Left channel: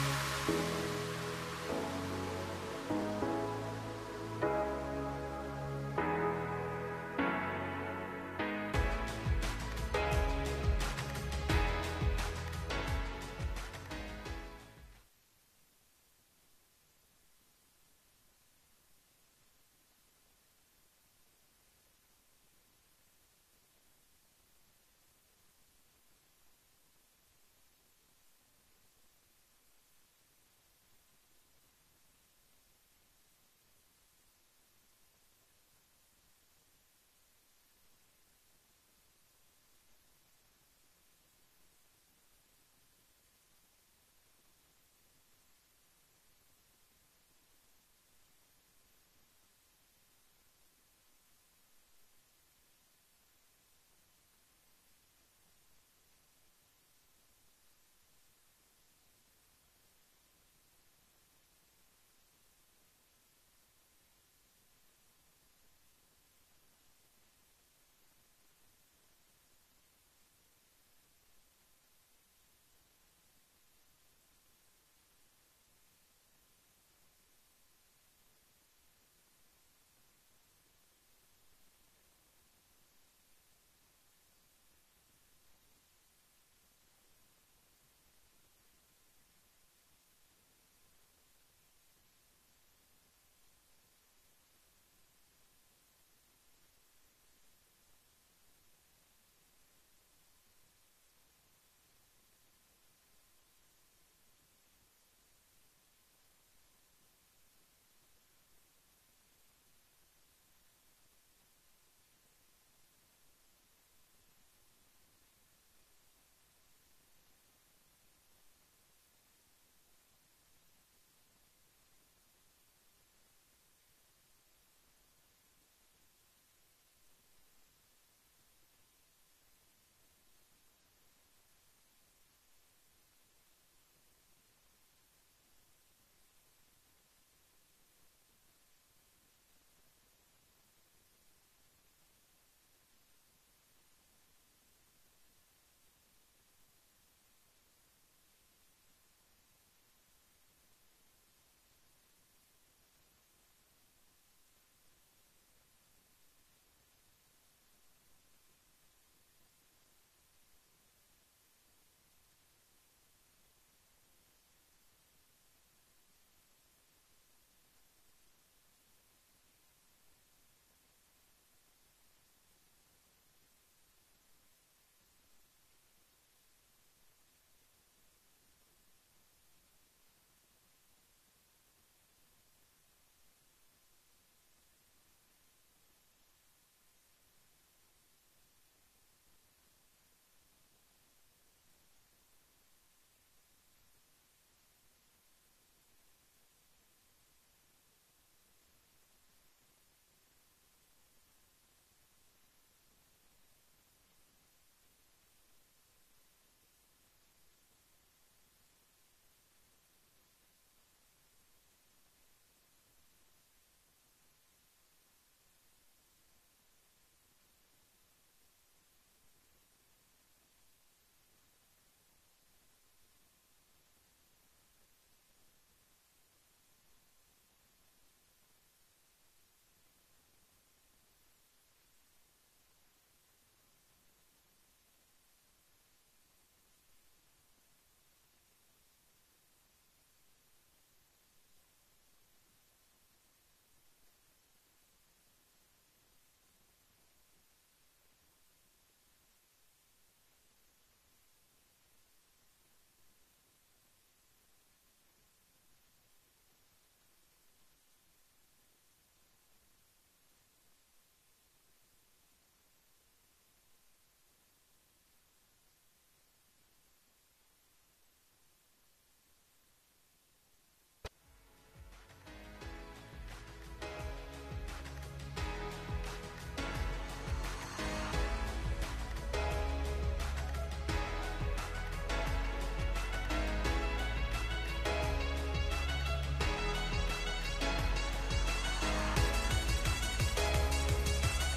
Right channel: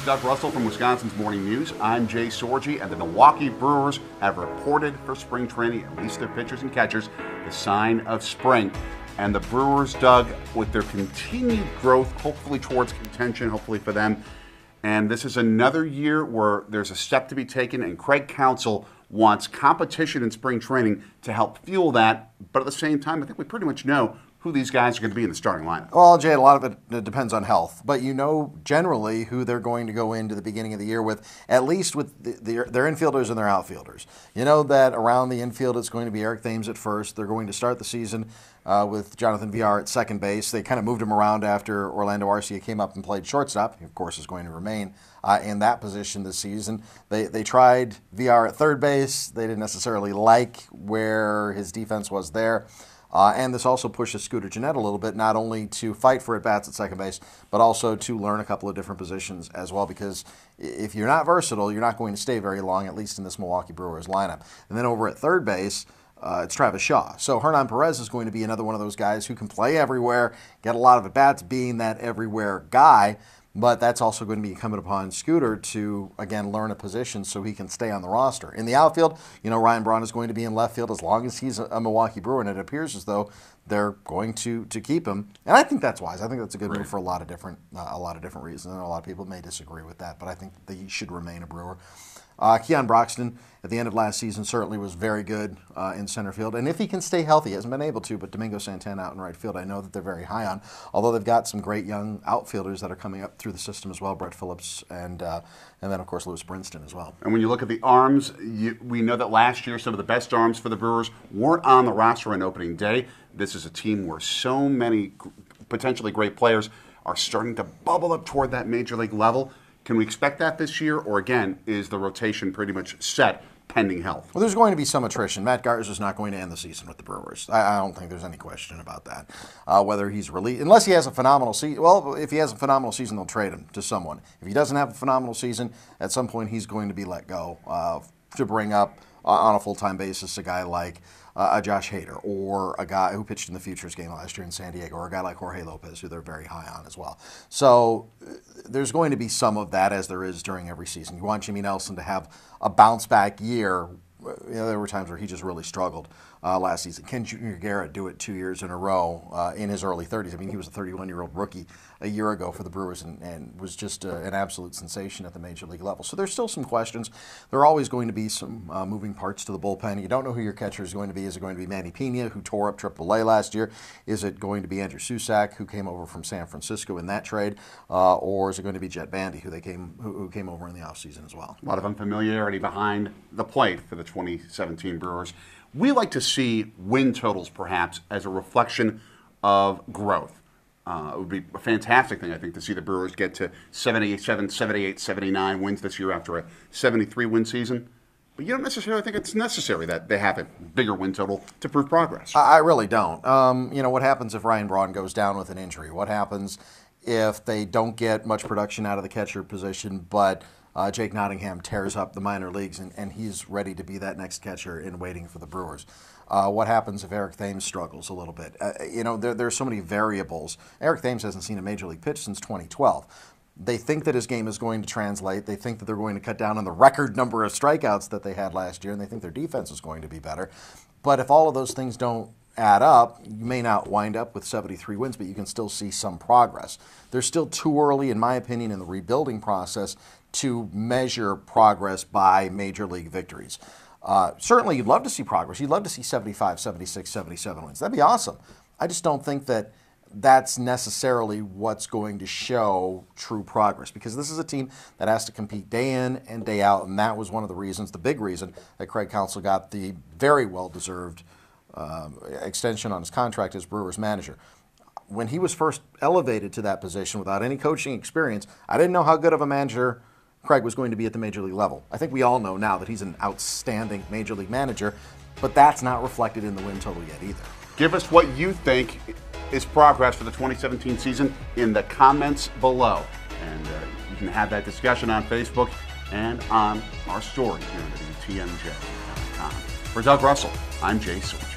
is Doug Russell from Wisconsin's Morning News. I'm Jay Sorgi, and the Milwaukee Brewers have reported for spring training, at least their pitchers and catchers, the sign of spring. And the Brewers, Doug, with their continued growth, hopefully towards contention, hopefully for them. And this is another year where there's a step to be taken, and Craig Counsell wants competition in spring training to help fuel that. But at the same time, I think we pretty much know who these guys are going to be in the starting lineup. Well, Jay, a lot of it depends on health, but you know generally who they're going to go into the beginning of the year with, at least with their infielders and their outfielders. You know that around the infield it's going to be Eric Thames at first. They're going to start the season with Jonathan Villar at second base. They kind of moved him around after Orlando Arcia came up and played shortstop. He, of course, is going to remain in that position this season. They tried Villar at third base. They didn't necessarily like where his defense was there. And this also pushes Scooter Gennett a little bit, not only to fight for at-bats at second base, but also to learn a couple of different positions as well, because if you're not versatile, you're not going to stay very long, at least in this Milwaukee Brewers lineup. And then over at third base, it's Travis Shaw. So Hernan Perez is going to be another one of those guys who can play everywhere, get a lot of at-bats, being that everywhere guy. But that's also going to be incumbent upon Scooter to, again, learn a position so he can stay on the roster. In the outfield, you know, Ryan Braun is going to be in left field as long as he's a Milwaukee Brewer, and it appears as though they're going to keep him. And I think that's wise. I think that's a good move for a lot of different reasons. And a lot of people may disagree with that, but I think that he should remain a Brewer. Keon Broxton, at the end of last season, certainly was very good in center field. And if he can stay healthy, he hasn't been able to, but Domingo Santana out in right field, I know that they're very high on, although they've got some great young outfielders that are coming up through the system as well, Brett Phillips and then, of course, Lewis Brinston as well. And when you look at the arms, we know that last year some of the best arms for the Brewers weren't on the roster on opening day. This is a team where so many potentially great players are starting to bubble up toward that major league level. Can we expect that this year, or again, is the rotation pretty much set pending health? Well, there's going to be some attrition. Matt Garza is not going to end the season with the Brewers. I don't think there's any question about that. Whether he's released, unless he has a phenomenal season. Well, if he has a phenomenal season, they'll trade him to someone. If he doesn't have a phenomenal season, at some point he's going to be let go to bring up on a full-time basis a guy like a Josh Hader, or a guy who pitched in the Futures game last year in San Diego, or a guy like Jorge Lopez, who they're very high on as well. So there's going to be some of that, as there is during every season. You want Jimmy Nelson to have a bounce-back year. You know, there were times where he just really struggled last season. Ken Jr. Garrett do it 2 years in a row in his early 30s. I mean, he was a 31-year-old rookie a year ago for the Brewers and was just an absolute sensation at the major league level. So there's still some questions. There are always going to be some moving parts to the bullpen. You don't know who your catcher is going to be. Is it going to be Manny Pena, who tore up AAA last year? Is it going to be Andrew Susac, who came over from San Francisco in that trade? Or is it going to be Jet Bandy, who came over in the offseason as well? A lot of unfamiliarity behind the plate for the 2017 Brewers. We like to see win totals, perhaps, as a reflection of growth. It would be a fantastic thing, I think, to see the Brewers get to 77, 78, 79 wins this year after a 73-win season. But you don't necessarily think it's necessary that they have a bigger win total to prove progress. I really don't. You know, what happens if Ryan Braun goes down with an injury? What happens if they don't get much production out of the catcher position, but Jake Nottingham tears up the minor leagues and he's ready to be that next catcher in waiting for the Brewers? What happens if Eric Thames struggles a little bit? You know, there's so many variables. Eric Thames hasn't seen a major league pitch since 2012. They think that his game is going to translate. They think that they're going to cut down on the record number of strikeouts that they had last year, and they think their defense is going to be better. But if all of those things don't add up, you may not wind up with 73 wins, but you can still see some progress. They're still too early, in my opinion, in the rebuilding process to measure progress by major league victories. Certainly, you'd love to see progress. You'd love to see 75, 76, 77 wins. That'd be awesome. I just don't think that that's necessarily what's going to show true progress, because this is a team that has to compete day in and day out, and that was one of the reasons, the big reason, that Craig Counsell got the very well-deserved extension on his contract as Brewers manager. When he was first elevated to that position without any coaching experience, I didn't know how good of a manager Craig was going to be at the major league level. I think we all know now that he's an outstanding major league manager, but that's not reflected in the win total yet either. Give us what you think is progress for the 2017 season in the comments below. And you can have that discussion on Facebook and on our story here at WTMJ. For Doug Russell, I'm Jay Sorgi.